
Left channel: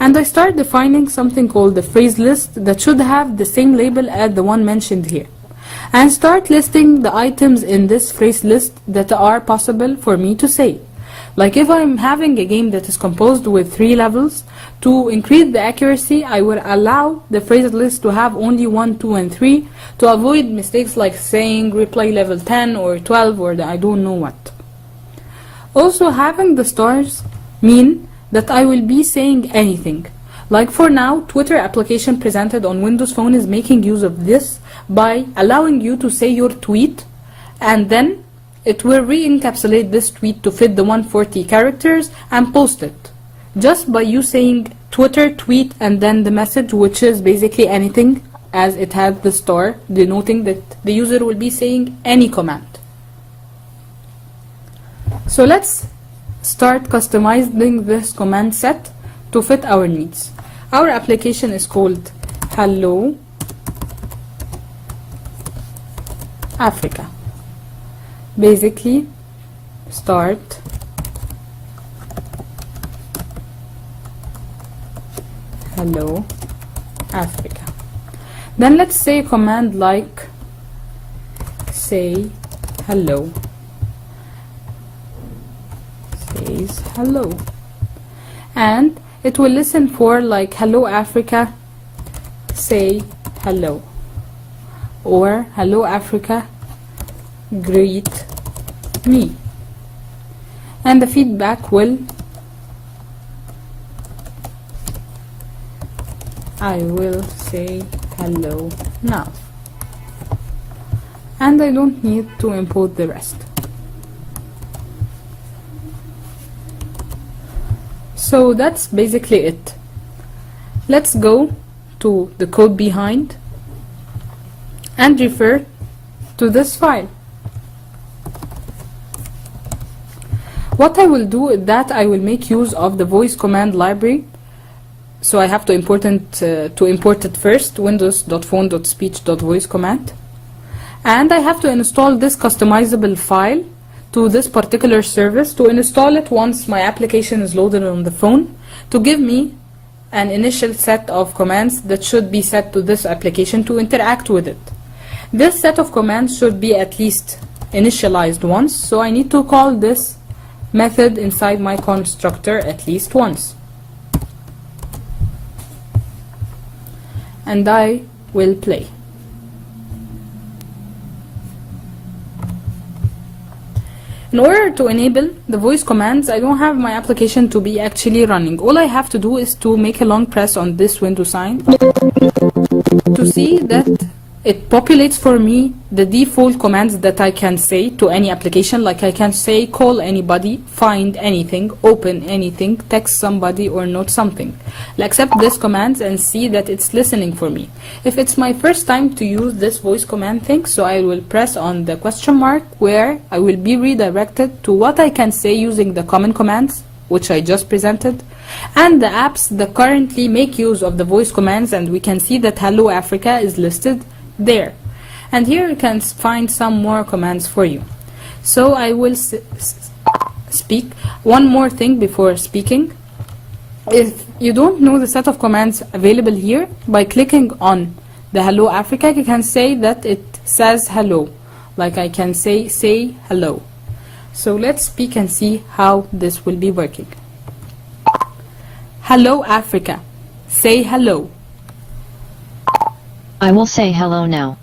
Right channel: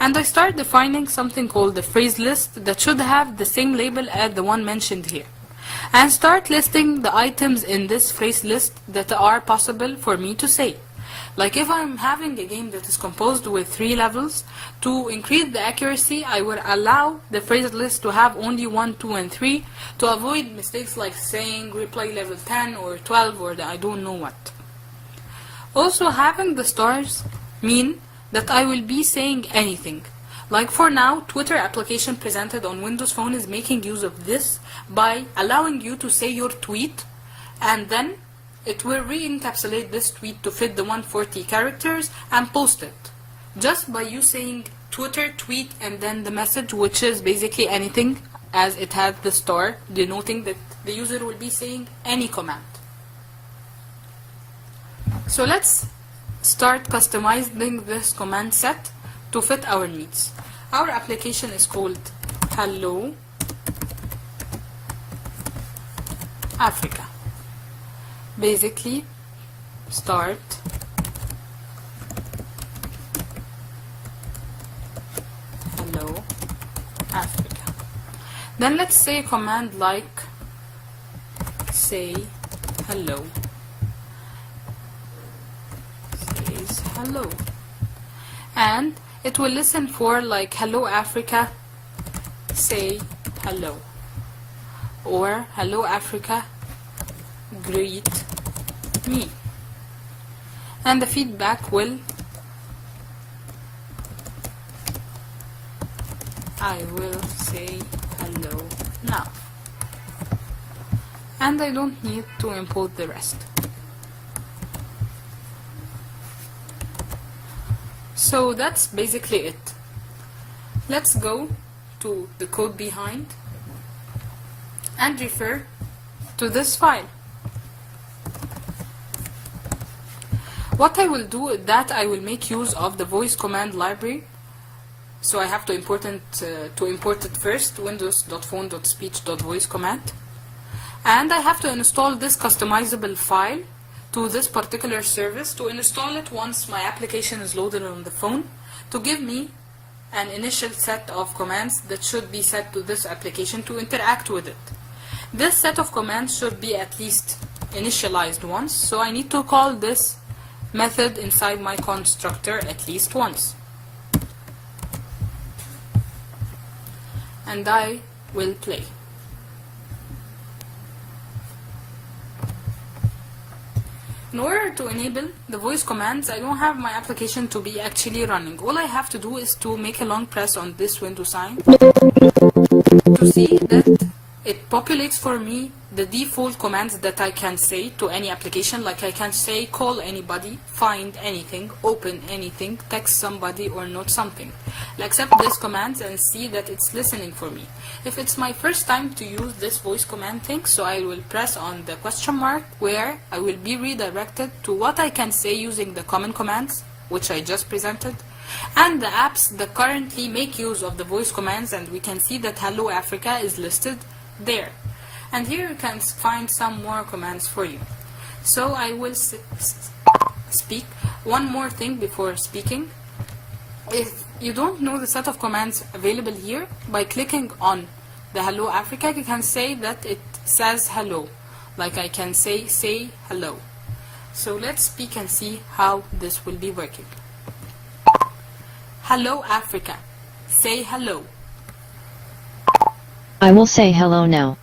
And I start defining something called the phrase list that should have the same label as the one mentioned here. And start listing the items in this phrase list that are possible for me to say. Like if I'm having a game that is composed with 3 levels, to increase the accuracy, I will allow the phrase list to have only 1, 2, and 3 to avoid mistakes like saying replay level 10 or 12 or I don't know what. Also, having the stars mean that I will be saying anything. Like for now, Twitter application presented on Windows Phone is making use of this by allowing you to say your tweet, and then it will re-encapsulate this tweet to fit the 140 characters and post it. Just by you saying Twitter tweet and then the message, which is basically anything, as it has the star denoting that the user will be saying any command. So let's start customizing this command set to fit our needs. Our application is called Hello Africa. Basically, start Hello Africa. Then let's say a command like say hello. Says hello. And it will listen for like hello Africa, say hello. Or hello Africa, greet me. And the feedback will I will say hello now. And I don't need to import the rest. So that's basically it. Let's go to the code behind and refer to this file. What I will do is that I will make use of the voice command library. So I have to import it first, windows.phone.speech.voice command. And I have to install this customizable file to this particular service, to install it once my application is loaded on the phone, to give me an initial set of commands that should be set to this application to interact with it. This set of commands should be at least initialized once, so I need to call this method inside my constructor at least once. And I will play. In order to enable the voice commands, I don't have my application to be actually running. All I have to do is to make a long press on this window sign to see that it populates for me the default commands that I can say to any application. Like I can say call anybody, find anything, open anything, text somebody, or note something. I'll accept this commands and see that it's listening for me. If it's my first time to use this voice command thing, so I will press on the question mark where I will be redirected to what I can say using the common commands, which I just presented, and the apps that currently make use of the voice commands, and we can see that Hello Africa is listed there. And here you can find some more commands for you. So I will speak. One more thing before speaking. If you don't know the set of commands available here, by clicking on the Hello Africa, you can say that it says hello. Like I can say hello. So let's speak and see how this will be working. Hello Africa. Say hello. I will say hello now.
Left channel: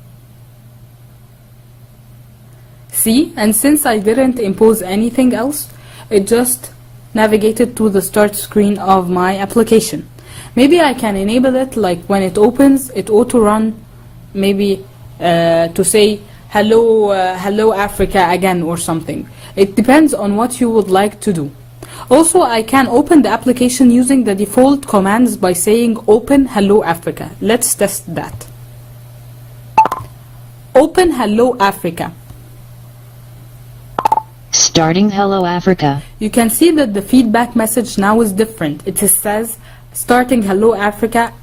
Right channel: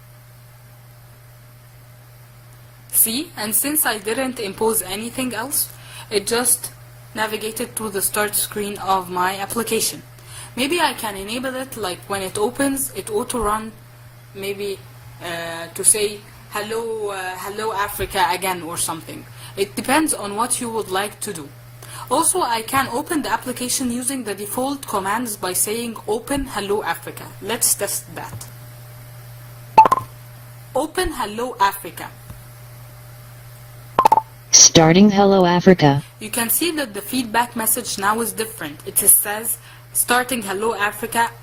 See, and since I didn't impose anything else, it just navigated to the start screen of my application. Maybe I can enable it, like when it opens, it auto run, maybe to say hello Africa again or something. It depends on what you would like to do. Also, I can open the application using the default commands by saying open Hello Africa. Let's test that. Open Hello Africa. Starting Hello Africa. You can see that the feedback message now is different. It says starting Hello Africa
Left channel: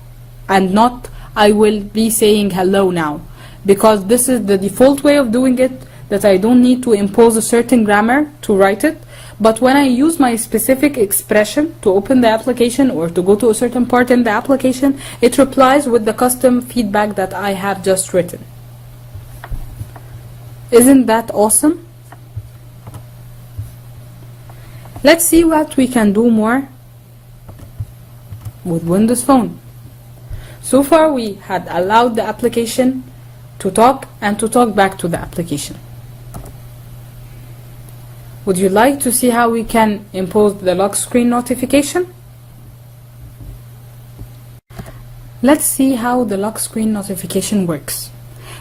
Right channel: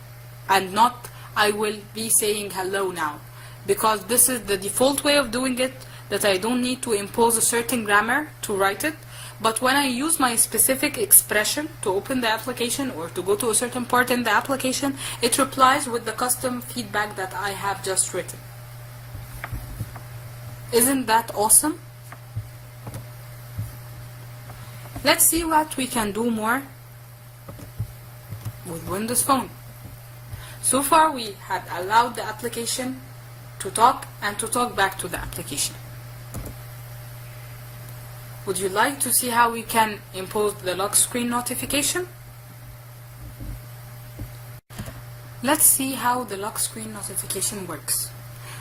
and not I will be saying hello now, because this is the default way of doing it, that I don't need to impose a certain grammar to write it. But when I use my specific expression to open the application or to go to a certain part in the application, it replies with the custom feedback that I have just written. Isn't that awesome? Let's see what we can do more with Windows Phone. So far we had allowed the application to talk and to talk back to the application. Would you like to see how we can impose the lock screen notification? Let's see how the lock screen notification works.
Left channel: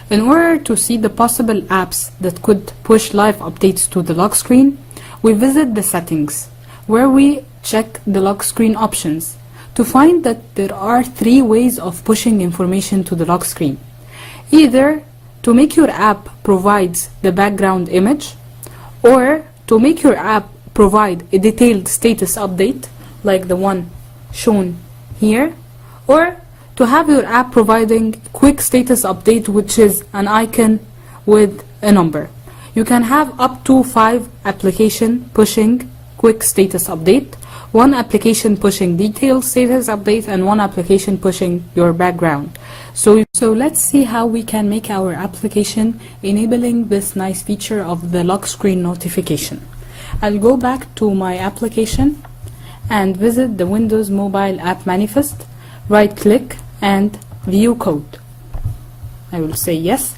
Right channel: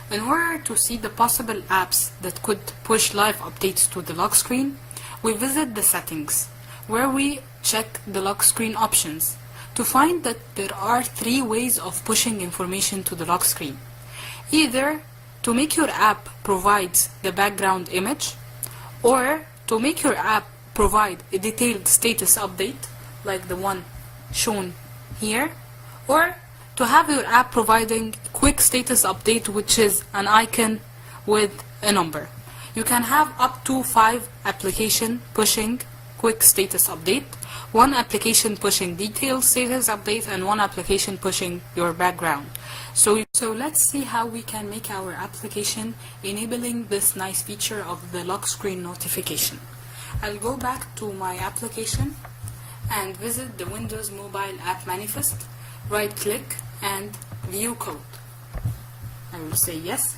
In order to see the possible apps that could push live updates to the lock screen, we visit the settings, where we check the lock screen options to find that there are 3 ways of pushing information to the lock screen. Either to make your app provides the background image, or to make your app provide a detailed status update, like the one shown here, or to have your app providing quick status update, which is an icon with a number. You can have up to 5 application pushing quick status update, 1 application pushing detailed status update, and 1 application pushing your background. So let's see how we can make our application enabling this nice feature of the lock screen notification. I'll go back to my application and visit the Windows Mobile App Manifest, right click and view code. I will say yes.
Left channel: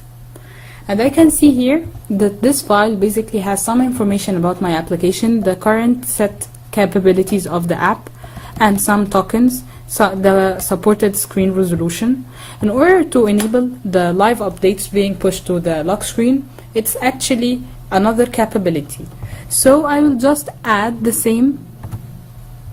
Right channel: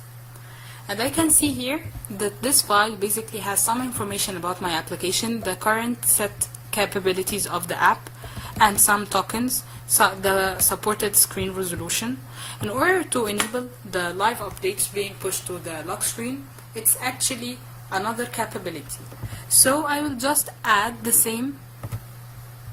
And I can see here that this file basically has some information about my application, the current set capabilities of the app, and some tokens, the supported screen resolution. In order to enable the live updates being pushed to the lock screen, it's actually another capability. So I will just add the same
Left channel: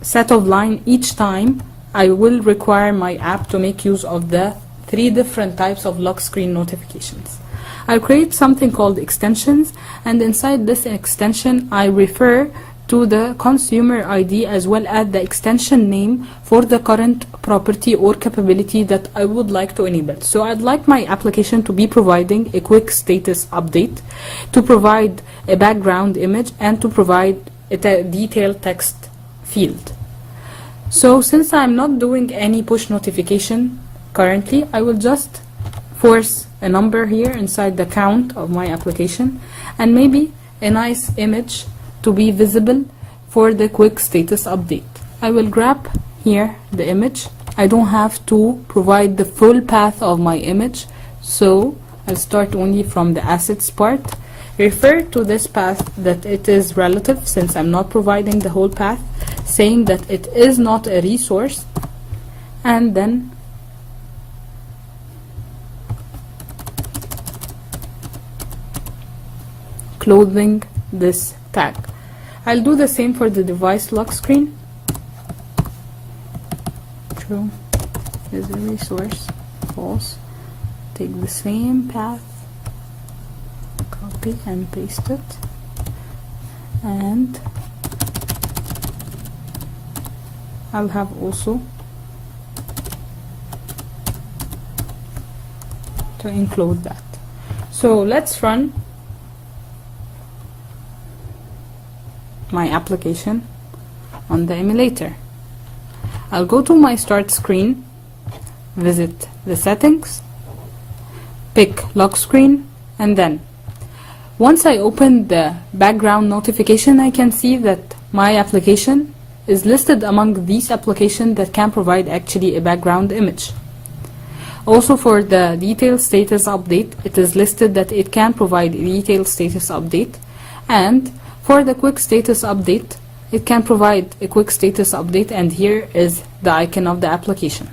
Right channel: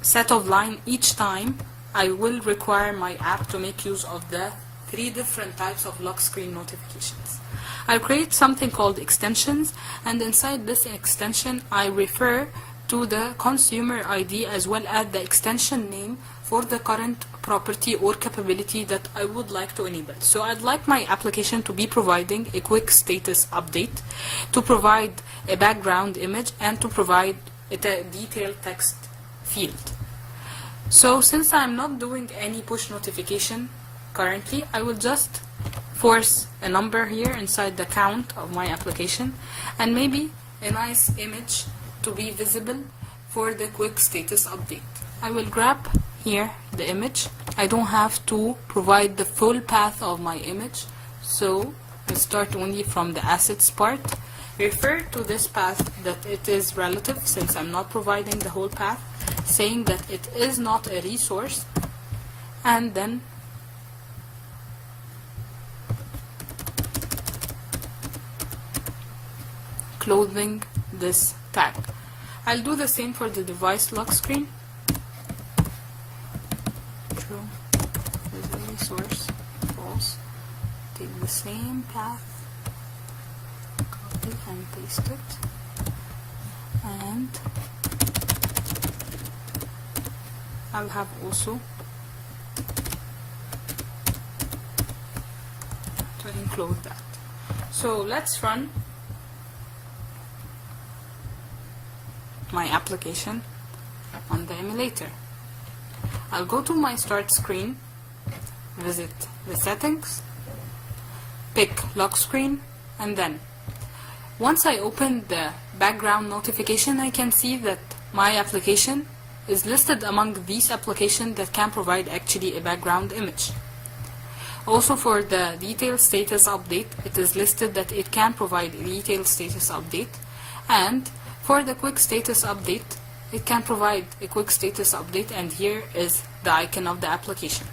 set of line each time I will require my app to make use of the 3 different types of lock screen notifications. I'll create something called extensions, and inside this extension I refer to the consumer ID as well as the extension name for the current property or capability that I would like to enable. So I'd like my application to be providing a quick status update, to provide a background image, and to provide a detailed text field. So since I'm not doing any push notification currently, I will just force a number here inside the count of my application, and maybe a nice image to be visible for the quick status update. I will grab here the image. I don't have to provide the full path of my image, so I'll start only from the assets part. Refer to this path that it is relative, since I'm not providing the whole path, saying that it is not a resource, and then clothing this tag. I'll do the same for the device lock screen. True is a resource. False. Take the same path, copy and paste it, and I'll have also to include that. So let's run my application on the emulator. I'll go to my start screen, visit the settings, pick lock screen, and then once I open the background notification, I can see that my application is listed among these applications that can provide actually a background image. Also, for the detailed status update, it is listed that it can provide a detailed status update, and for the quick status update, it can provide a quick status update, and here is the icon of the application.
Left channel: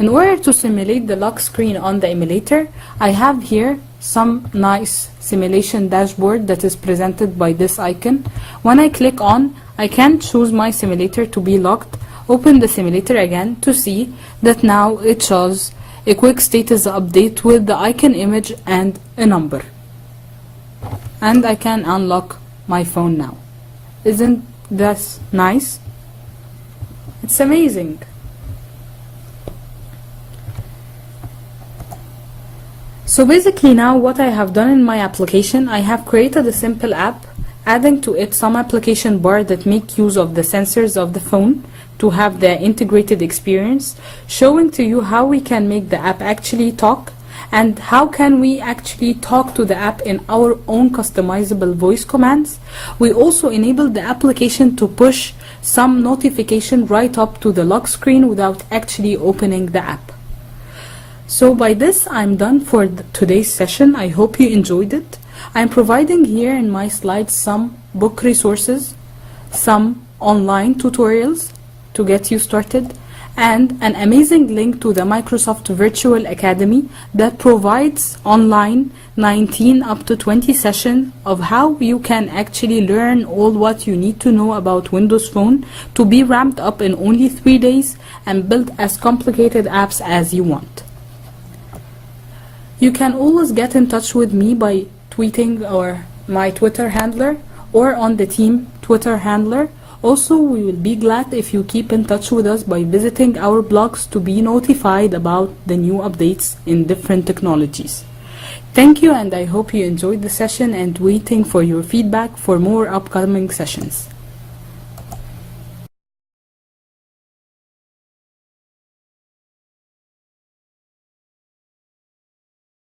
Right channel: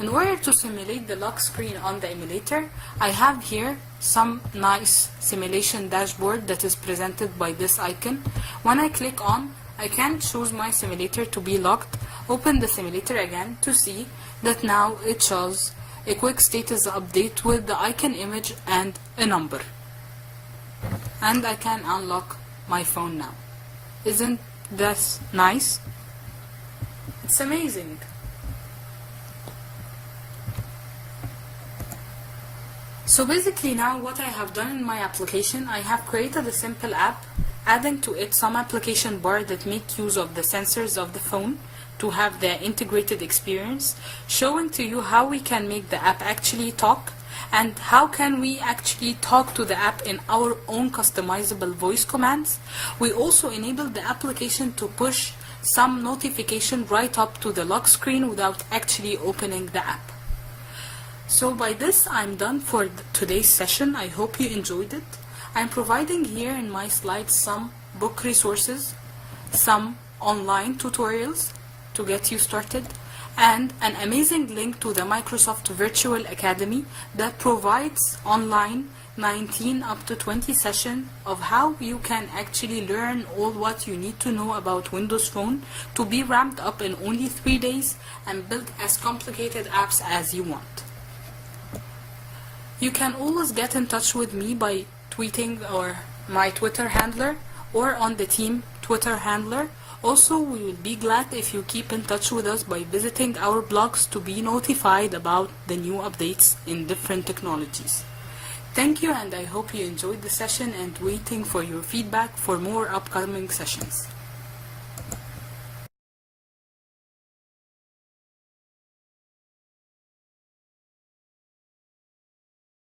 In order to simulate the lock screen on the emulator, I have here some nice simulation dashboard that is presented by this icon. When I click on, I can choose my simulator to be locked, open the simulator again to see that now it shows a quick status update with the icon image and a number. And I can unlock my phone now. Isn't that nice? It's amazing. So basically now what I have done in my application, I have created a simple app, adding to it some application bar that make use of the sensors of the phone to have the integrated experience, showing to you how we can make the app actually talk and how can we actually talk to the app in our own customizable voice commands. We also enable the application to push some notification right up to the lock screen without actually opening the app. So by this I'm done for today's session. I hope you enjoyed it. I'm providing here in my slides some book resources, some online tutorials to get you started, and an amazing link to the Microsoft Virtual Academy that provides online 19 up to 20 sessions of how you can actually learn all what you need to know about Windows Phone to be ramped up in only 3 days and build as complicated apps as you want. You can always get in touch with me by tweeting or my Twitter handler or on the team Twitter handler. Also, we will be glad if you keep in touch with us by visiting our blogs to be notified about the new updates in different technologies. Thank you, and I hope you enjoyed the session and waiting for your feedback for more upcoming sessions.